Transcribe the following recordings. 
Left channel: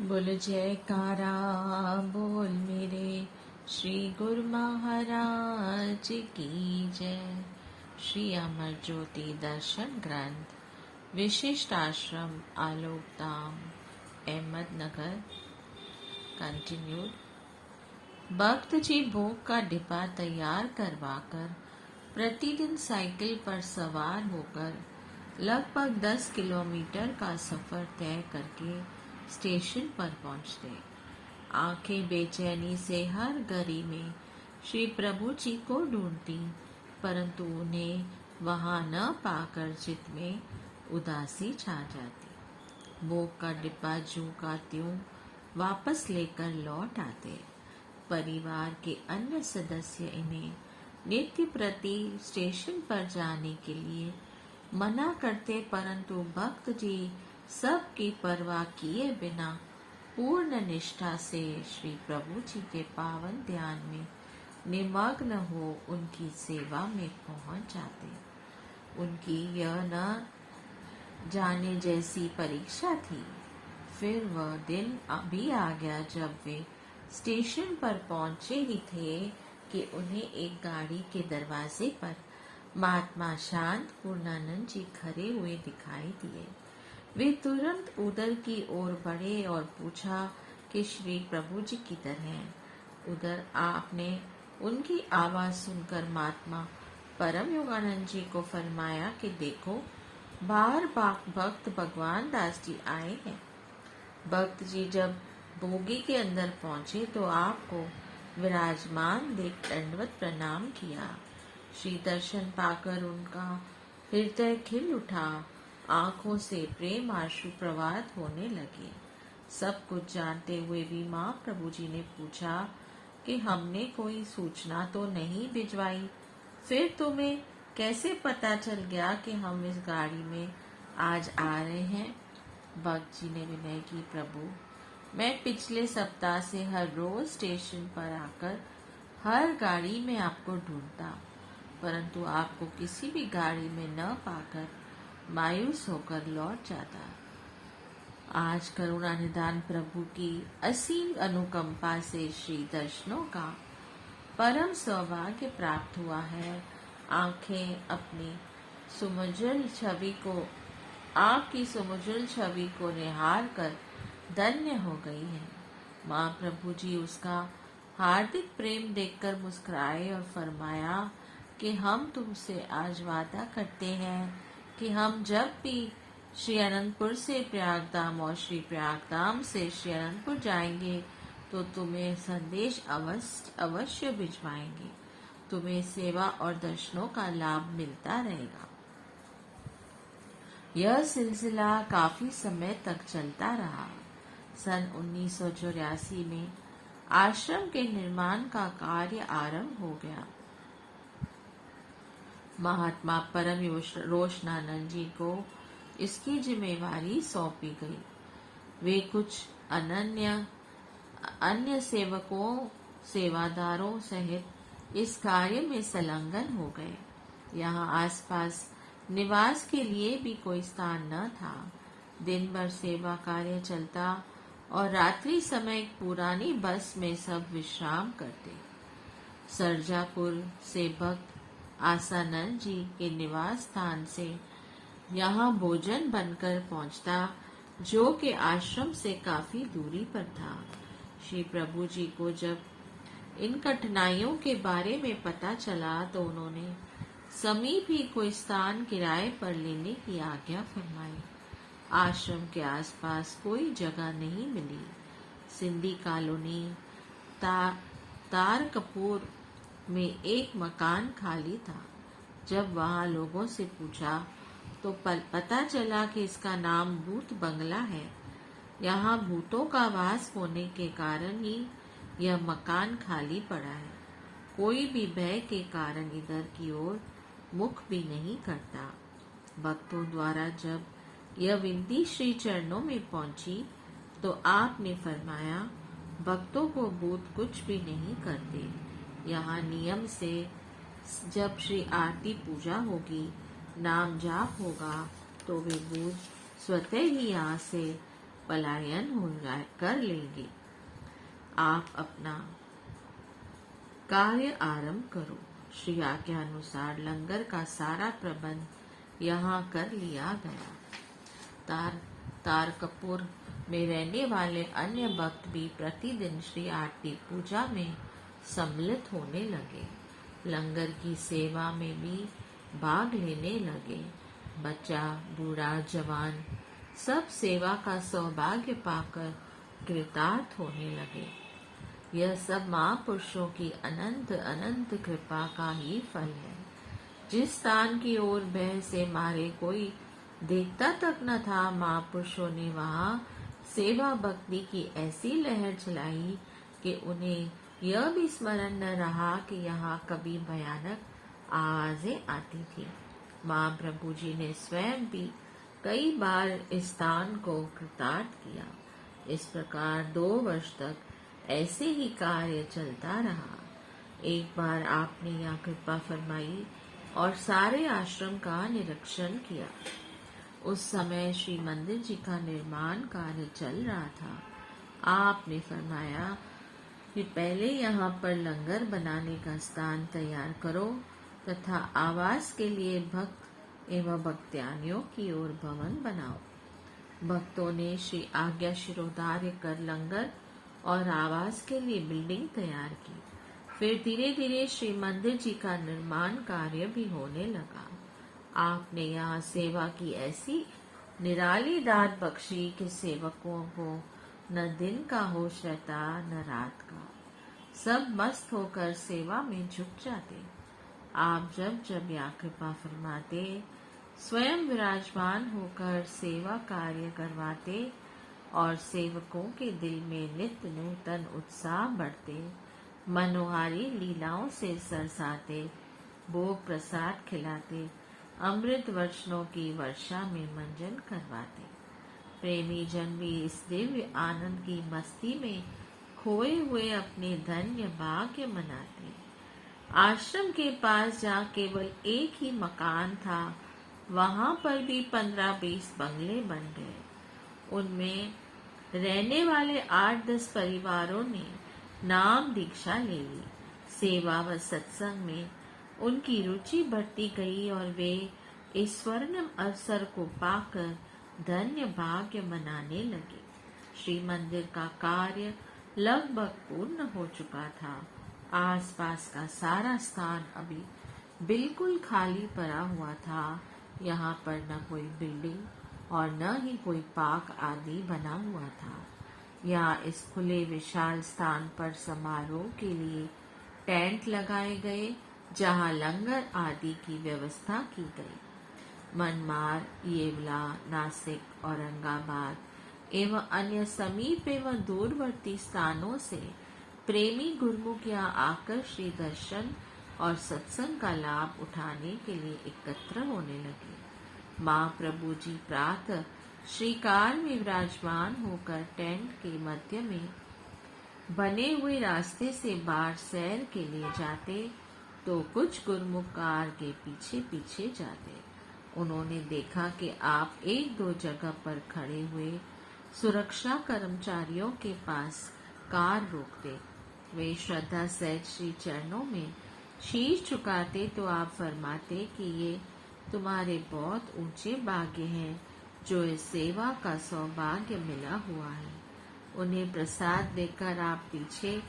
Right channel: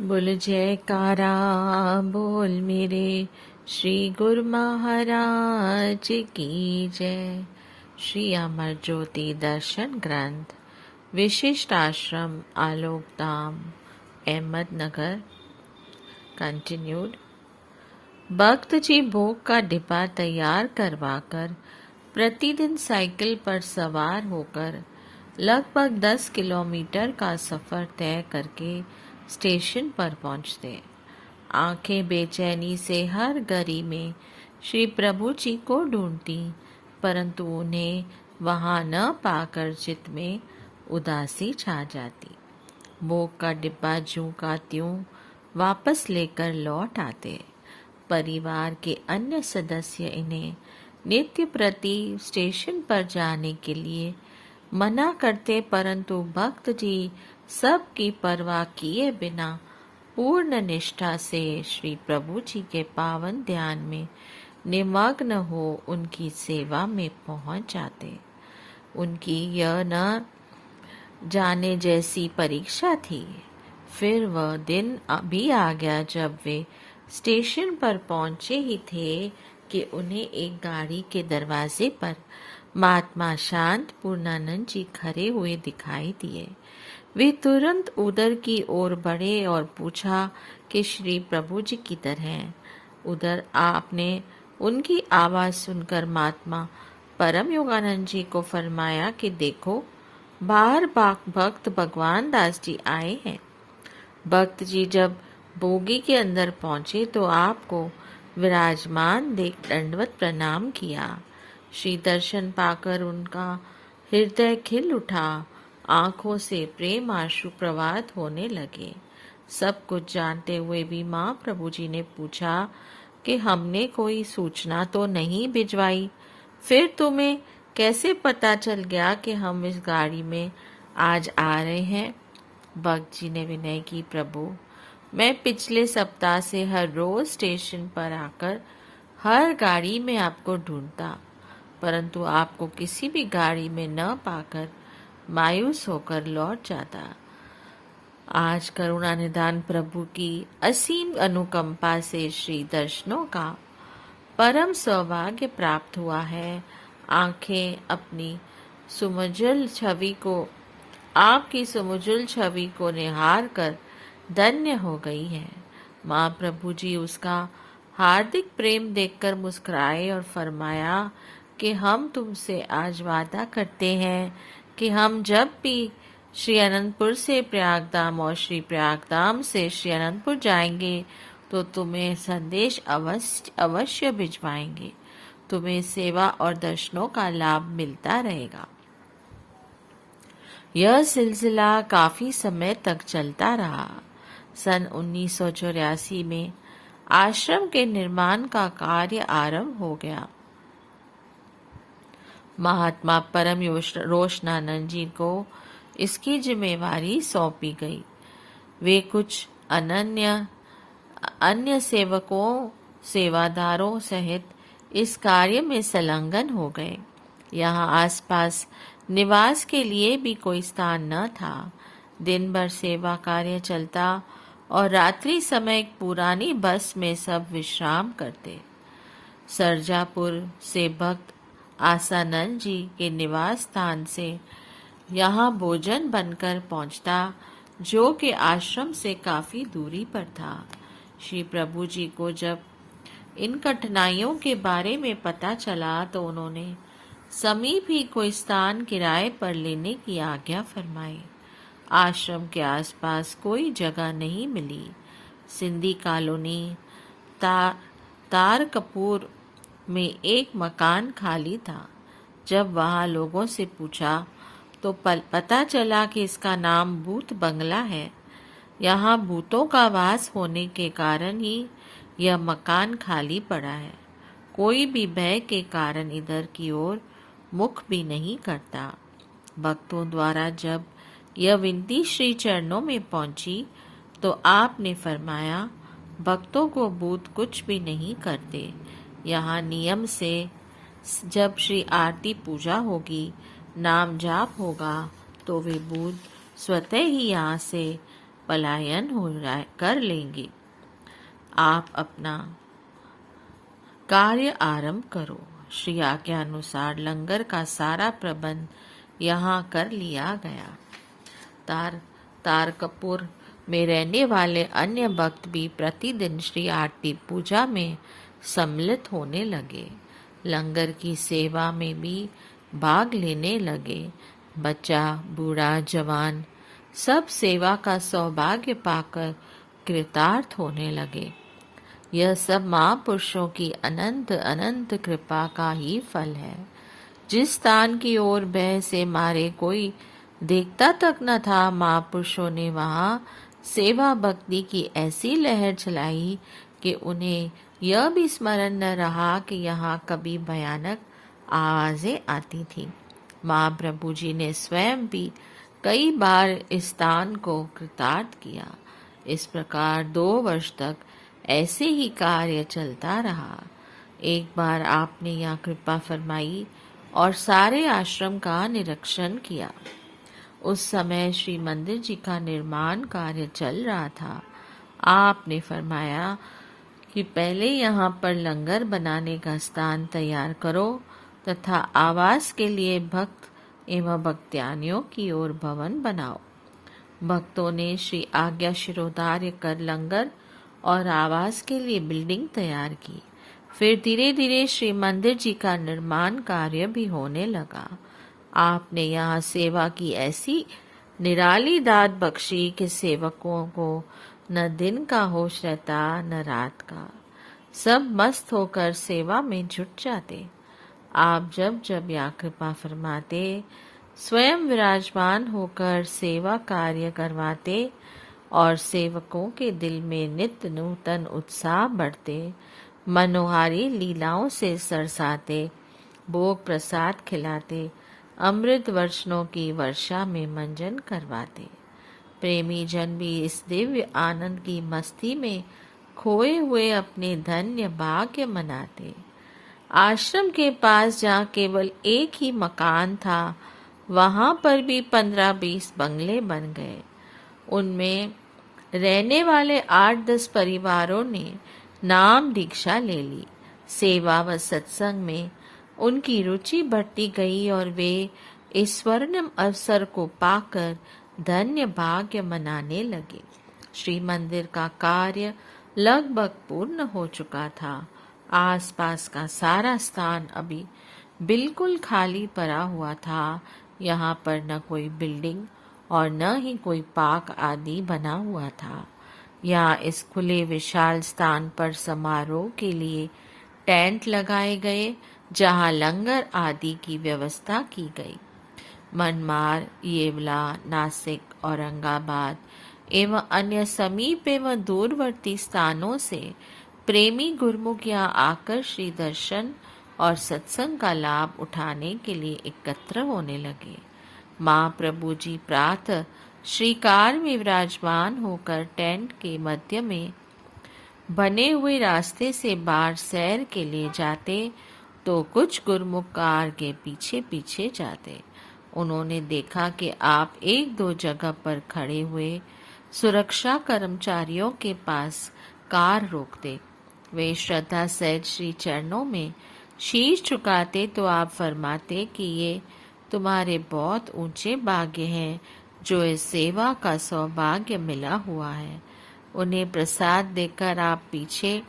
बोल जयकारा बोल मेरे श्री गुरु महाराज की जय। श्री अमर ज्योति दर्शन ग्रंथ विशिष्ट आश्रम आलोक धाम अहमदनगर कंटिन्यूड। भक्त जी भोग का डिब्बा तैयार करवाकर प्रतिदिन साइकिल पर सवार होकर लगभग 10 किलोमीटर का सफ़र तय करके स्टेशन पर पहुंचते। आंखें बेचैनी से हर गली में श्री प्रभु जी को ढूंढती, परंतु उन्हें वहां न पाकर चित्त में उदासी छा जाती। भोग का डिब्बा ज्यों का त्यों वापस लेकर लौट आते। परिवार के अन्य सदस्य इन्हें नित्य प्रति स्टेशन पर जाने के लिए मना करते, परंतु भक्त जी सबकी परवाह किए बिना पूर्ण निष्ठा से श्री प्रभु जी के पावन ध्यान में निमग्न हो उनकी सेवा में पहुंच जाते। उनकी यह न जाने जैसी परीक्षा थी। फिर वह दिन भी आ गया जब वे स्टेशन पर पहुंचे ही थे कि उन्हें एक गाड़ी के दरवाजे पर महात्मा शांत पूर्णानंद जी खड़े हुए दिखाई दिए। वे तुरंत उधर की ओर बढ़े और पूछा कि श्री प्रभु जी किधर हैं। उधर आपने उनकी आवाज़ सुनकर महात्मा परम योगानंद जी को फरमाया कि देखो, बाहर भक्त भगवान दास जी आए हैं। भक्त जी जब बोगी के अंदर पहुंचे तो आपको विराजमान देख दंडवत प्रणाम किया। श्री दर्शन पाकर उनका हृदय खिल उठा, आंखों से प्रेम आंसू प्रवाहित होने लगे। सब कुछ जानते हुए भी माँ प्रभु जी ने पूछा कि हमने कोई सूचना तो नहीं भिजवाई, फिर तुम्हें कैसे पता चल गया कि हम इस गाड़ी में आज आ रहे हैं। भक्त जी ने विनय की, प्रभु मैं पिछले सप्ताह से हर रोज स्टेशन पर आकर हर गाड़ी में आपको ढूंढता, परंतु आपको किसी भी गाड़ी में न पाकर मायूस होकर लौट जाता। आज करुणा निधान प्रभु की असीम अनुकंपा से श्री दर्शनों का परम सौभाग्य प्राप्त हुआ है। आंखें अपनी सुमजुल छवि को आपकी सुमजुल छवि को निहार कर धन्य हो गई है। माँ प्रभु जी उसका हार्दिक प्रेम देखकर मुस्कुराए और फरमाया कि हम तुमसे आज वादा करते हैं कि हम जब भी श्री अनंतपुर से प्रयागधाम और श्री प्रयागधाम से श्री अनंतपुर जाएंगे तो तुम्हें संदेश अवश्य भिजवाएंगे। तुम्हें सेवा और दर्शनों का लाभ मिलता रहेगा। यह सिलसिला काफी समय तक चलता रहा। सन 1984 में आश्रम के निर्माण का कार्य आरंभ हो गया। महात्मा परम रोशनानंद जी को इसकी जिम्मेवारी सौंपी गई। वे कुछ अन्य सेवादारों सहित इस कार्य में संलग्न हो गए। यहाँ आसपास निवास के लिए भी कोई स्थान न था। दिन भर सेवा कार्य चलता और रात्रि समय एक पुरानी बस में सब विश्राम करते। सरजापुर से भक्त आसानंद जी के निवास स्थान से यहाँ भोजन बनकर पहुँचता, जो कि आश्रम से काफी दूरी पर था। श्री प्रभु जी को जब इन कठिनाइयों के बारे में पता चला तो उन्होंने समीप ही कोई स्थान किराए पर लेने की आज्ञा फरमाई। आश्रम के आसपास कोई जगह नहीं मिली। सिंधी कॉलोनी तार कपूर में एक मकान खाली था। जब वहाँ लोगों से पूछा तो पता चला कि इसका नाम भूत बंगला है। यहाँ भूतों का वास होने के कारण ही यह मकान खाली पड़ा है। कोई भी भय के कारण इधर की ओर मुख भी नहीं करता। भक्तों द्वारा जब यह विनती श्री चरणों में पहुंची तो आपने फरमाया, भक्तों को भूत कुछ भी नहीं करते। यहाँ नियम से जब श्री आरती पूजा होगी, नाम जाप होगा तो वे भूत स्वतः ही यहाँ से पलायन कर लेंगे। आप अपना कार्य आरंभ करो। श्री आज्ञा अनुसार लंगर का सारा प्रबंध यहाँ कर लिया गया। तारकपुर में रहने वाले अन्य भक्त भी प्रतिदिन श्री आरती पूजा में सम्मिलित होने लगे। लंगर की सेवा में भी भाग लेने लगे। बच्चा, बूढ़ा, जवान सब सेवा का सौभाग्य पाकर कृतार्थ होने लगे। यह सब महापुरुषों की अनंत अनंत कृपा का ही फल है। जिस स्थान की ओर भय से मारे कोई देखता तक न था, महापुरुषों ने वहाँ सेवा भक्ति की ऐसी लहर चलाई कि उन्हें यह भी स्मरण न रहा कि यहाँ कभी भयानक आवाजें आती थी। महाप्रभु जी ने स्वयं भी कई बार इस स्थान को कृतार्थ किया। इस प्रकार 2 वर्ष तक ऐसे ही कार्य चलता रहा। एक बार आपने यहाँ कृपा फरमाई और सारे आश्रम का निरीक्षण किया। उस समय श्री मंदिर जी का निर्माण कार्य चल रहा था। आपने फरमाया कि पहले यहाँ पर लंगर बनाने का स्थान तैयार करो तथा आवास के लिए भक्त एवं भक्त्यानियों की ओर भवन बनाओ। भक्तों ने श्री आज्ञा शिरोधार्य कर लंगर और आवास के लिए बिल्डिंग तैयार की। फिर धीरे धीरे श्री मंदिर जी का निर्माण कार्य भी होने लगा। आपने यहाँ सेवा की ऐसी निराली दात बख्शी कि सेवकों को न दिन का होश रहता न रात का। सब मस्त होकर सेवा में जुट जाते। आप जब जब यहाँ कृपा फरमाते, स्वयं विराजमान होकर सेवा कार्य करवाते और सेवकों के दिल में नित्य नूतन उत्साह बढ़ते। मनोहारी लीलाओं से सरसाते, भोग प्रसाद खिलाते, अमृत वर्षणों की वर्षा में मंजन करवाते। प्रेमी जन भी इस दिव्य आनंद की मस्ती में खोए हुए अपने धन्य भाग्य मनाते। आश्रम के पास जहाँ केवल एक ही मकान था, वहाँ पर भी 15-20 बंगले बन गए। उनमें रहने वाले 8-10 परिवारों ने नाम दीक्षा ले ली। सेवा व सत्संग में उनकी रुचि बढ़ती गई और वे इस स्वर्णिम अवसर को पाकर धन्य भाग्य मनाने लगे। श्री मंदिर का कार्य लगभग पूर्ण हो चुका था। आसपास का सारा स्थान अभी बिल्कुल खाली पड़ा हुआ था। यहाँ पर न कोई बिल्डिंग और न ही कोई पार्क आदि बना हुआ था। यहाँ इस खुले विशाल स्थान पर समारोह के लिए टेंट लगाए गए, जहाँ लंगर आदि की व्यवस्था की गई। मनमार, येवला, नासिक, औरंगाबाद एवं अन्य समीप एवं दूरवर्ती स्थानों से प्रेमी गुरुमुख यहाँ आकर श्री दर्शन और सत्संग का लाभ उठाने के लिए एकत्र होने लगे। महाप्रभु जी प्रातः श्रीकार में विराजमान होकर टेंट के मध्य में बने हुए रास्ते से बाहर सैर के लिए जाते तो कुछ गुरुमुख कार के पीछे पीछे जाते। उन्होंने देखा कि आप 1-2 जगह पर खड़े हुए सुरक्षा कर्मचारियों के पास कार रोकते। वे श्रद्धा सहित श्री चरणों में शीश झुकाते तो आप फरमाते कि ये तुम्हारे बहुत ऊंचे भाग्य हैं जो इस सेवा का सौभाग्य मिला हुआ है। उन्हें प्रसाद देकर आप पीछे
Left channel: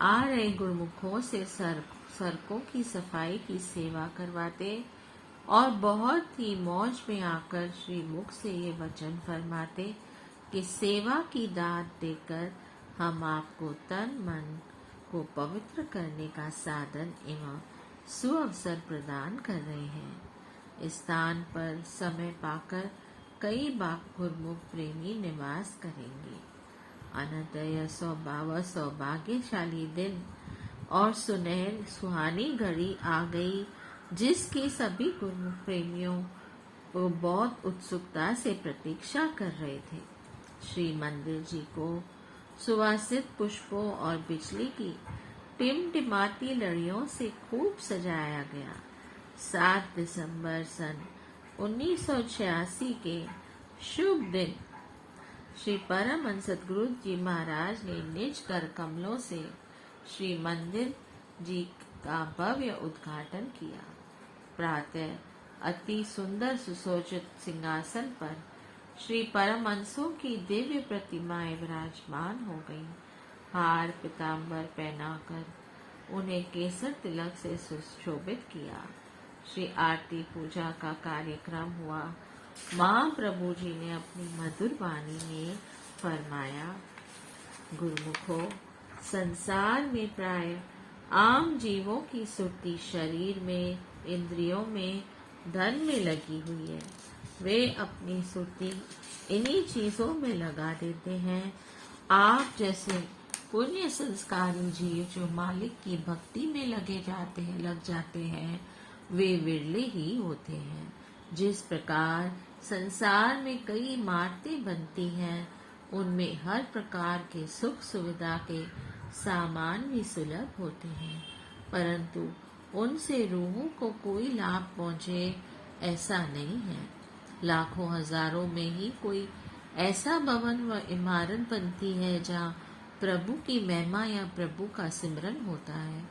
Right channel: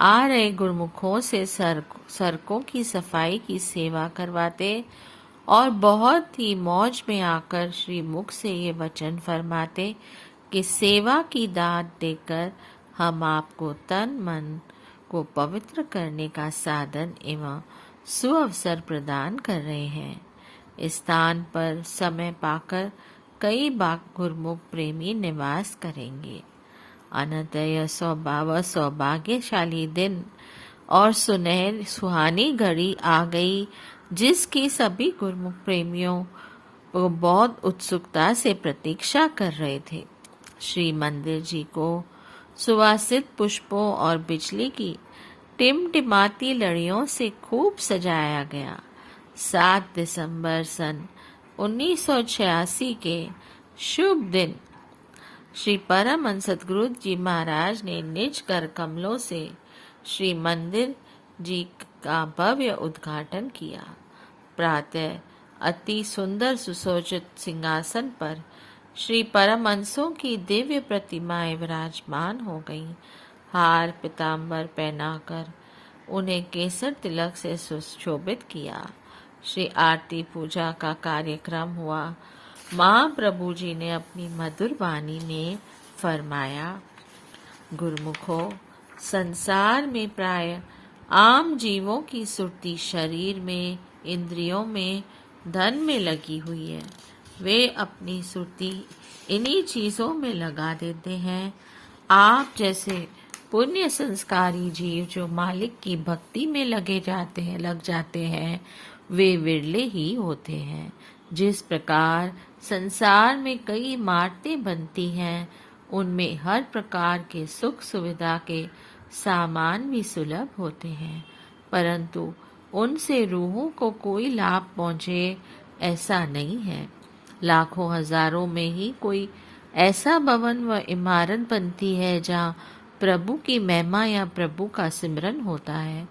आ रहे गुरुमुखों से सड़कों की सफाई की सेवा करवाते और बहुत ही मौज में आकर श्री मुख से ये वचन फरमाते कि सेवा की दात देकर हम आपको तन मन को पवित्र करने का साधन एवं सुअवसर प्रदान कर रहे हैं। इस स्थान पर समय पाकर कई बार गुरुमुख प्रेमी निवास करेंगे। अनंत यह सौभाग्यशाली दिन और सुहानी घड़ी आ गई जिसकी सभी गुरुमुख प्रेमियों को बहुत उत्सुकता से प्रतीक्षा कर रहे थे। श्री मंदिर जी को सुवासित पुष्पों और बिजली की टिमटिमाती लड़ियों से खूब सजाया गया। 7 दिसंबर सन 1986 के शुभ दिन श्री परमहंस सद्गुरु जी महाराज ने निज कर कमलों से श्री मंदिर जी का भव्य उद्घाटन किया। प्रातः अति सुंदर सुसज्जित सिंहासन पर श्री परमहंसों की दिव्य प्रतिमाएं विराजमान हो गईं। हार पीताम्बर पहनाकर उन्हें केसर तिलक से सुशोभित किया। श्री आरती पूजा का कार्यक्रम हुआ। महाप्रभु जी ने अपनी मधुर वाणी में फरमाया, गुरुमुखों, संसार में प्राय आम जीवों की सुरती शरीर में, इंद्रियों में, धन में लगी हुई है। वे अपनी सुरती इन्हीं चीजों में लगा देते हैं। आप जैसे पुण्य संस्कारी जीव जो मालिक की भक्ति में लग जाते हैं, वे विरले ही होते हैं। जिस प्रकार संसार में कई इमारतें बनती हैं, उनमें हर प्रकार के सुख सुविधा के सामान भी सुलभ होते हैं, परंतु उनसे रूहों को कोई लाभ पहुंचे ऐसा नहीं है। लाखों हजारों में ही कोई ऐसा भवन व इमारत बनती है जहाँ प्रभु की महिमा या प्रभु का सिमरन होता है।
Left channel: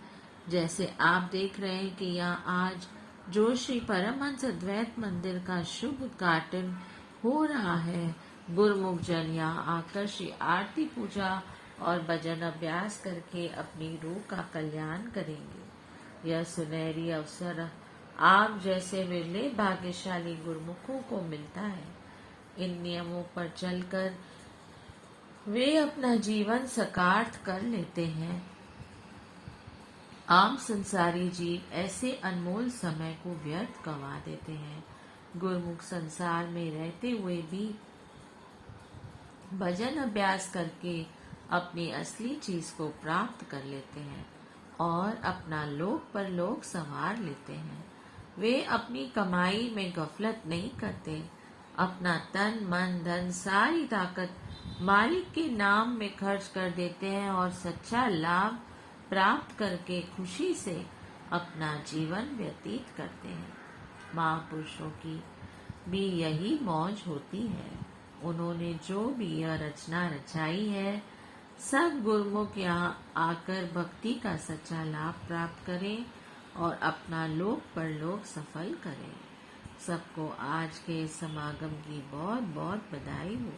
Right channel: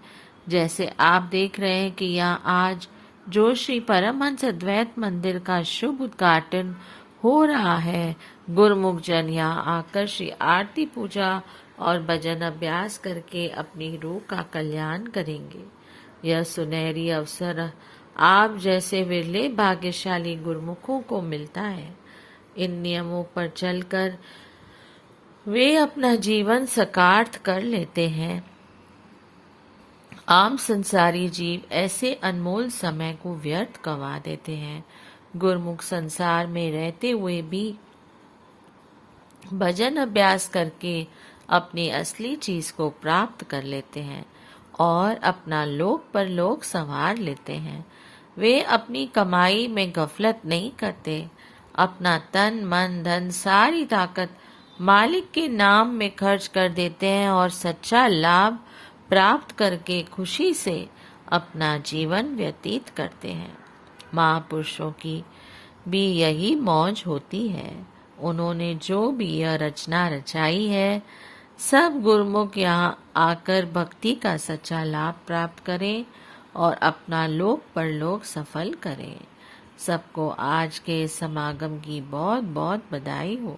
जैसे आप देख रहे हैं कि यहाँ आज जो श्री परमहंस अद्वैत मंदिर का शुभ उद्घाटन हो रहा है, गुरुमुख जन यहाँ आकर श्री आरती पूजा और भजन अभ्यास करके अपनी रूह का कल्याण करेंगे। यह सुनहरी अवसर आप जैसे विरले भाग्यशाली गुरुमुखों को मिलता है। इन नियमों पर चलकर वे अपना जीवन सकार्थ कर लेते हैं। आम संसारी जीव ऐसे अनमोल समय को व्यर्थ गंवा देते हैं। गुरुमुख संसार में रहते हुए भी भजन अभ्यास करके अपनी असली चीज को प्राप्त कर लेते हैं और अपना लोक परलोक संवार लेते हैं। वे अपनी कमाई में गफलत नहीं करते। अपना तन मन धन सारी ताकत मालिक के नाम में खर्च कर देते हैं और सच्चा लाभ प्राप्त करके खुशी से अपना जीवन व्यतीत करते हैं। महापुरुषों की भी यही मौज होती है। उन्होंने जो भी यह रचना रचाई है, सब गुरुमुख यहाँ आकर भक्ति का सच्चा लाभ प्राप्त करें और अपना लोक परलोक सफल करें। सबको आज के समागम की बहुत बहुत बधाई हो।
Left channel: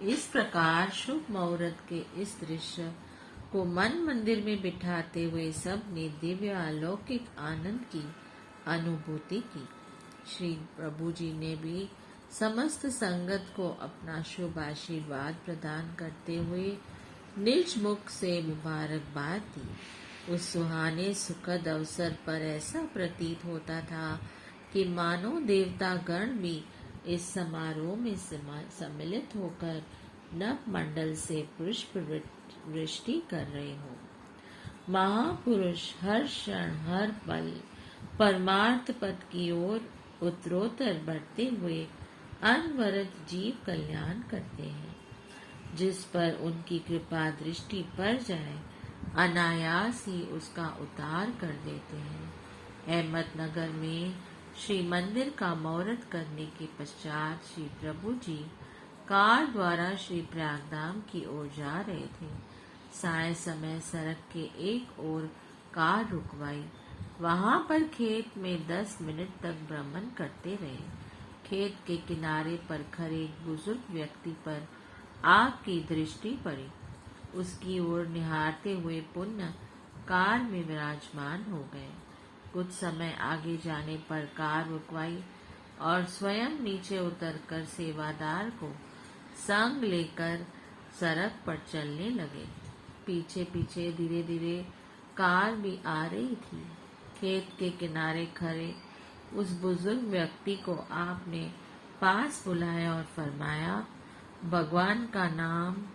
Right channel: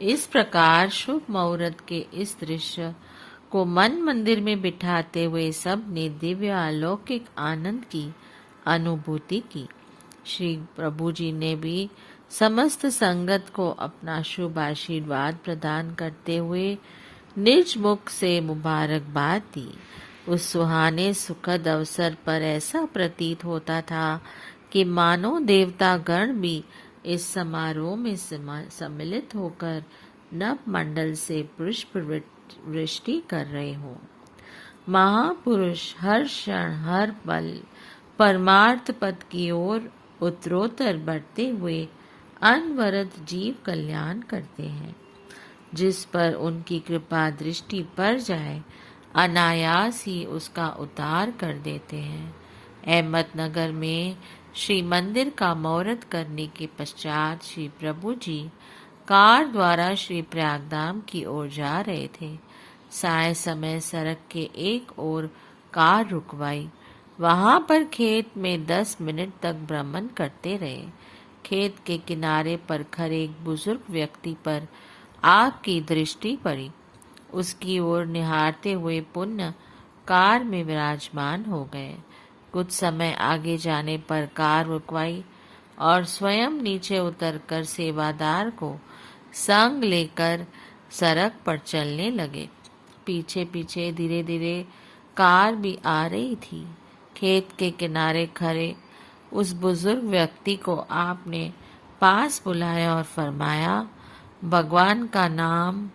इस प्रकार शुभ मुहूर्त के इस दृश्य को मन मंदिर में बिठाते हुए सब ने दिव्य अलौकिक आनंद की अनुभूति की। श्री प्रभु जी ने भी समस्त संगत को अपना शुभ आशीर्वाद प्रदान करते हुए निज मुख से मुबारकबाद दी। उस सुहाने सुखद अवसर पर ऐसा प्रतीत होता था कि मानो देवता गण भी इस समारोह में सम्मिलित होकर नव मंडल से पुष्प वृष्टि कर रहे हो। महापुरुष हर क्षण हर पल परमार्थ पद की ओर उत्तरोत्तर बढ़ते हुए अनवरत जीव कल्याण करते हैं। जिस पर उनकी कृपा दृष्टि पड़ जाए, अनायास ही उसका उद्धार कर देते हैं। अहमदनगर में श्री मंदिर का मुहूर्त करने के पश्चात श्री प्रभु जी कार द्वारा श्री प्रयागधाम की ओर जा रहे थे। साय समय सड़क के एक ओर कार रुकवाई। वहां पर खेत में 10 मिनट तक भ्रमण करते रहे। खेत के किनारे पर खड़े एक बुजुर्ग व्यक्ति पर आपकी दृष्टि पड़ी। उसकी ओर निहारते हुए पुनः कार में विराजमान हो गए। कुछ समय आगे जाने पर कार रुकवाई और स्वयं नीचे उतरकर सेवादार को संग लेकर सड़क पर चलने लगे। पीछे पीछे धीरे धीरे कार भी आ रही थी। खेत के किनारे खड़े उस बुजुर्ग व्यक्ति को आपने पास बुलाया और फरमाया, भगवान का नाम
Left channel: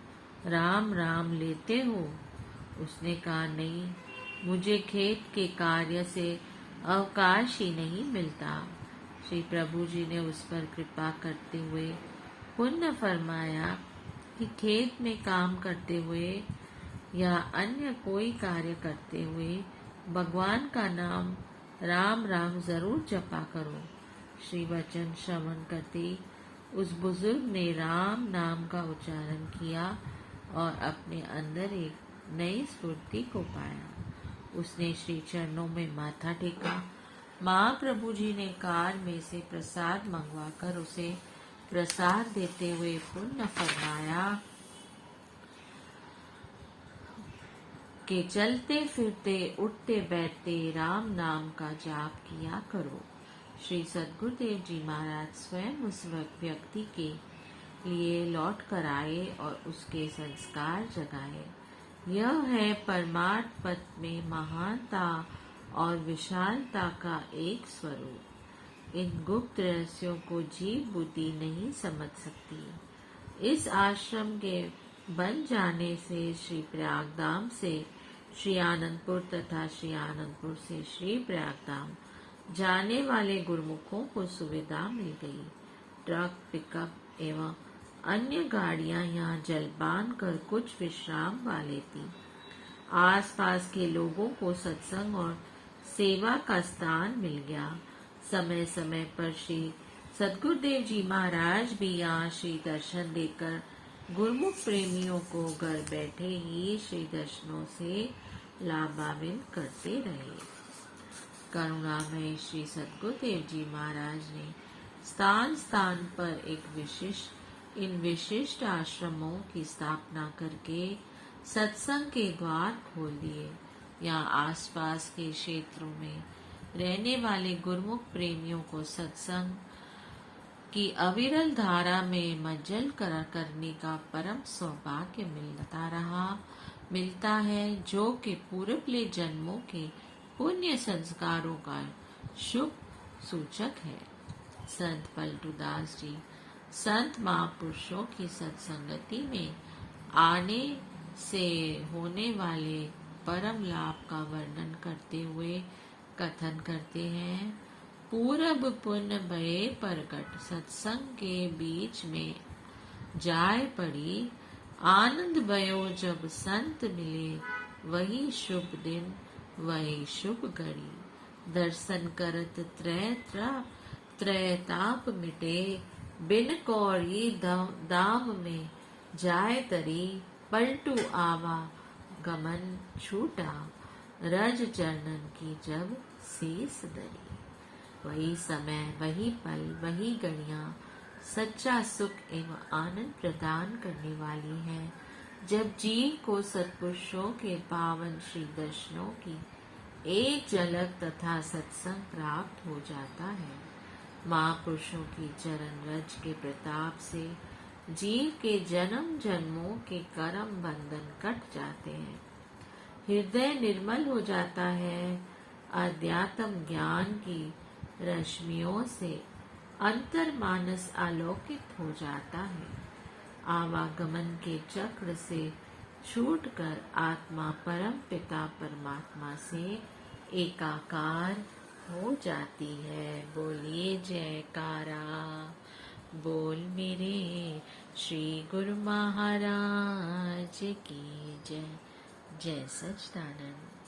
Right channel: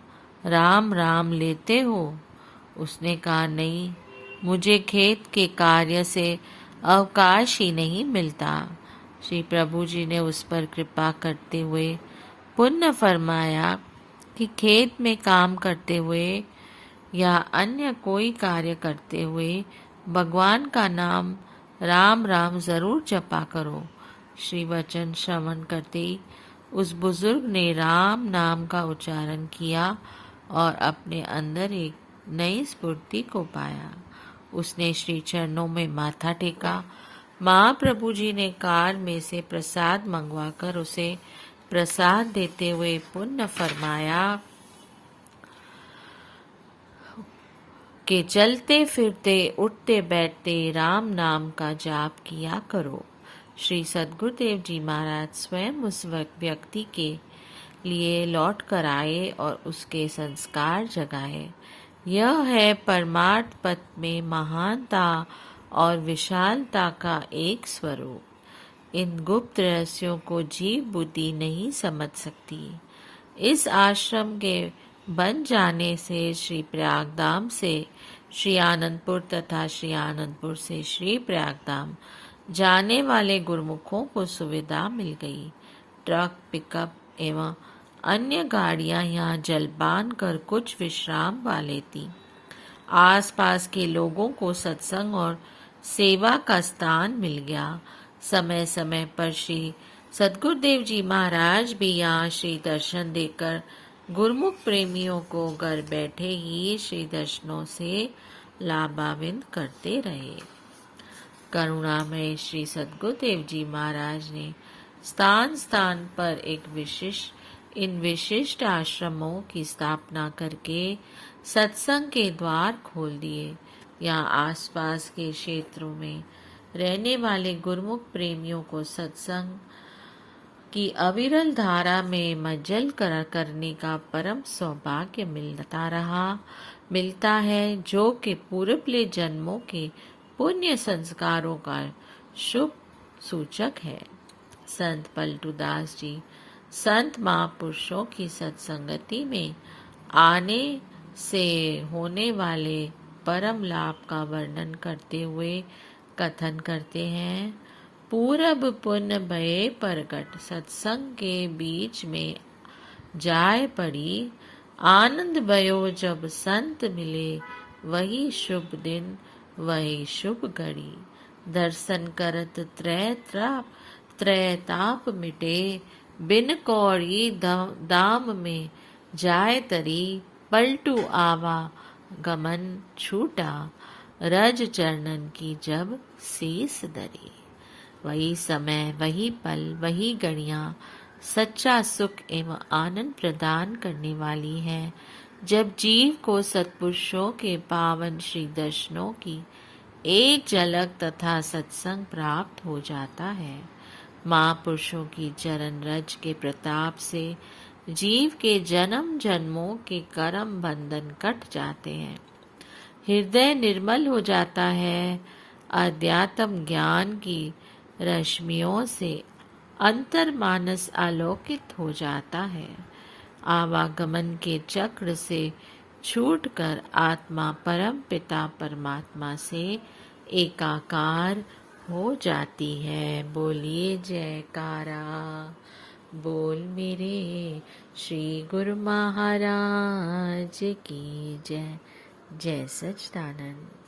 राम राम लेते हो? उसने कहा, नहीं, मुझे खेत के कार्य से अवकाश ही नहीं मिलता। श्री प्रभु जी ने उस पर कृपा करते हुए पुनः फरमाया कि खेत में काम करते हुए या अन्य कोई कार्य करते हुए भगवान का नाम राम राम जरूर जपा करो। श्री वचन श्रवण करते उस बुजुर्ग ने राम नाम का उच्चारण किया और अपने अंदर एक नई स्फूर्ति को पाया। उसने श्री चरणों में माथा टेका। महाप्रभु जी ने कार में से प्रसाद मंगवाकर उसे प्रसाद देते हुए पुण्य फरमाया कि चलते फिरते उठते बैठते राम नाम का जाप किया करो। श्री सद्गुरुदेव जी महाराज स्वयं उस व्यक्ति के लिए लौट कर आए और उसके संस्कार जगाए। यह है परमार्थ पथ में महानता और विशालता का एक स्वरूप। इन गुप्त रहस्यों को जीव बुद्धि नहीं समझ सकती। इस आश्रम के बन जाने से श्री प्रयागधाम से श्री आनंदपुर तथा श्री आनंदपुर से श्री प्रयागधाम जाने वाले गुरुमुखों को सुविधा मिल गई। ट्रक, पिकअप एवं अन्य गाड़ियां यहाँ जलपान कर कुछ विश्राम वाले थी। आसपास के लोगों को सत्संग और सेवा का स्थान मिल गया। समय समय पर श्री सद्गुरुदेव जी महाराज भी यहाँ श्री दर्शन देकर गुरुमुख प्रेमियों को घर बैठे ही श्री दर्शनों से लाभान्वित करते रहे। करुणा में श्री सद्गुरुदेव जी महाराज ने स्थान स्थान पर इन विशिष्ट आश्रमों की स्थापना करके सत्संग के द्वार खोल दिए। यहाँ आसपास के क्षेत्रों में रहने वाले गुरुमुख प्रेमियों को सत्संग की अविरल धारा में मज्जल करने का परम सौभाग्य मिलता है, जो कि पूर्वले जन्मों के पुण्य संस्कारों का शुभ सूचक है। संत पलटूदास जी संत महापुरुषों की सत्संगति में आने से होने वाले परम लाभ का वर्णन करते हुए कथन करते हैं। पूरब पुण्य भये प्रगट, सत्संग के बीच में जाय पड़ी। आनंद भयो जब संत मिले, वही शुभ दिन वही शुभ घड़ी। दर्शन करत त्रय ताप मिटे, बिन कौड़ी दाम में जाय तरी। पलटू आवा गमन छूटा, रज चरणन की जब शीस धरी। वही समय, वही पल, वही घड़ियां सच्चा सुख एवं आनंद प्रदान करने वाली है, जब जीव को सत्पुरुषों के पावन श्री दर्शनों की एक झलक तथा सत्संग प्राप्त हो जाता है। महापुरुषों की चरण रज के प्रताप से जीव के जन्म जन्मों के कर्म बंधन कट जाते हैं। हृदय निर्मल हो जाता है। अध्यात्म ज्ञान की रश्मियों से अंतर्मानस आलोकित हो जाता है। आवागमन के चक्र से छूटकर आत्मा परम पिता परमात्मा से एकाकार हो जाती है। बोलिए जयकारा, बोल मेरे श्री गुरु महाराज की जय। जय सच्चिदानंद।